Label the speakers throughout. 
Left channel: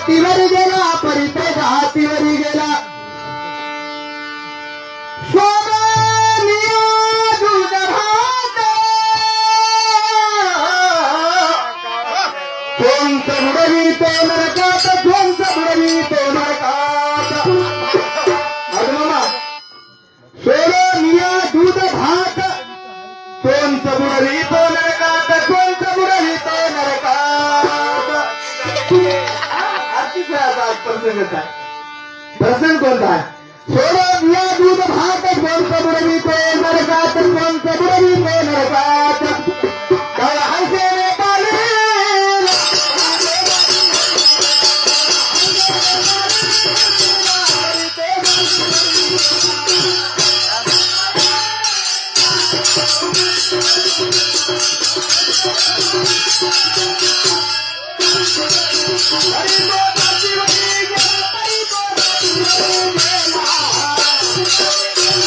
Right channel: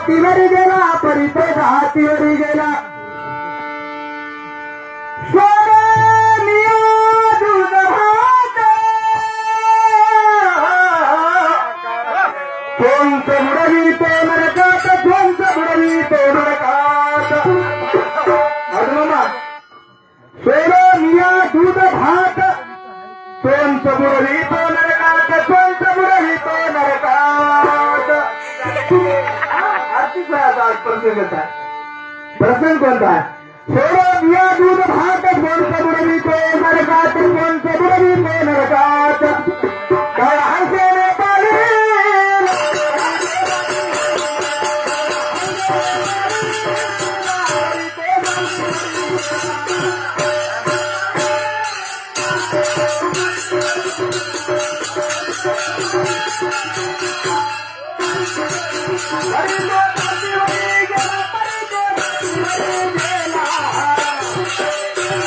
Speaker 1: घाटीवर गेला परी तो गेला. सोनेलिया बुडवी तो नरकात बुडवी तो नरकात. दूध भात. बुडवी आरती आज प्रसंगच आहे प्रसंग कोणता आहे सोडून या दूध भात कोणतं बुडवी नरकात कोणतं बुडवी नरकात काय हसेने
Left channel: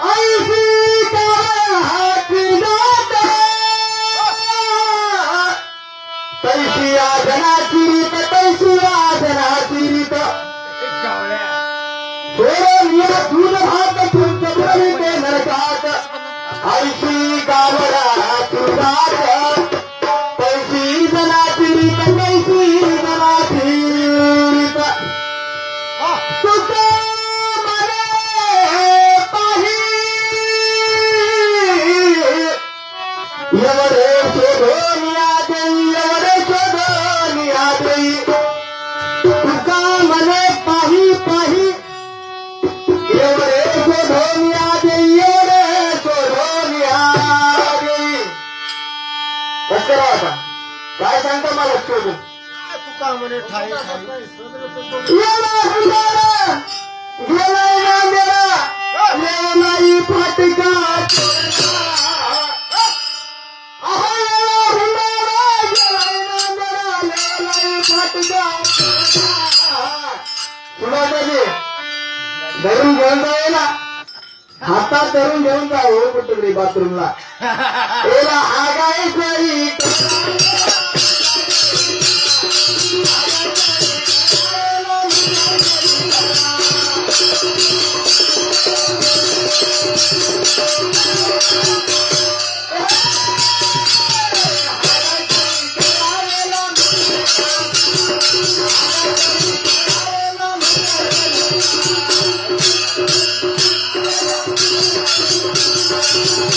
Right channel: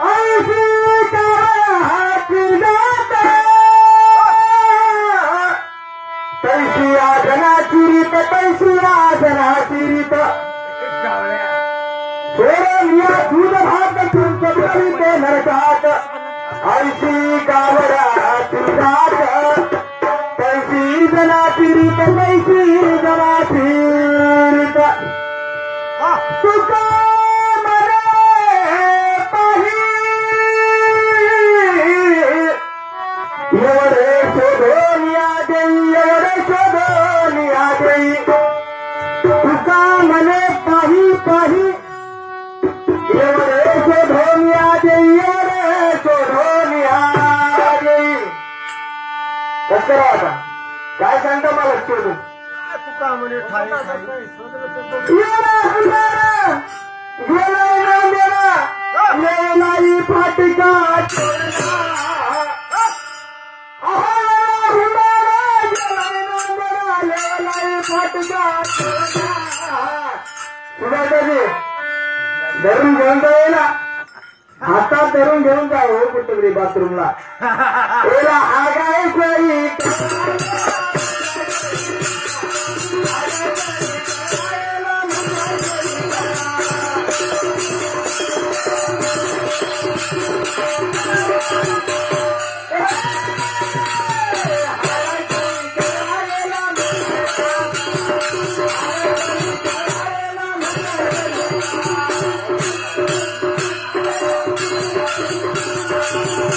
Speaker 1: कई सी हा कैसी आ जनाची त कैसी आ जनाची तू भाती के न काय सांगता मला शोधून?
Speaker 2: तुका म्हणे ठाई
Speaker 1: येला हुंडारा, गेलाय नांदेडा, धरून घेऊन जा येला। हातात धरून घेऊन जा हो कुठं बाथरूमला। येला Thank
Speaker 2: you. Thank you.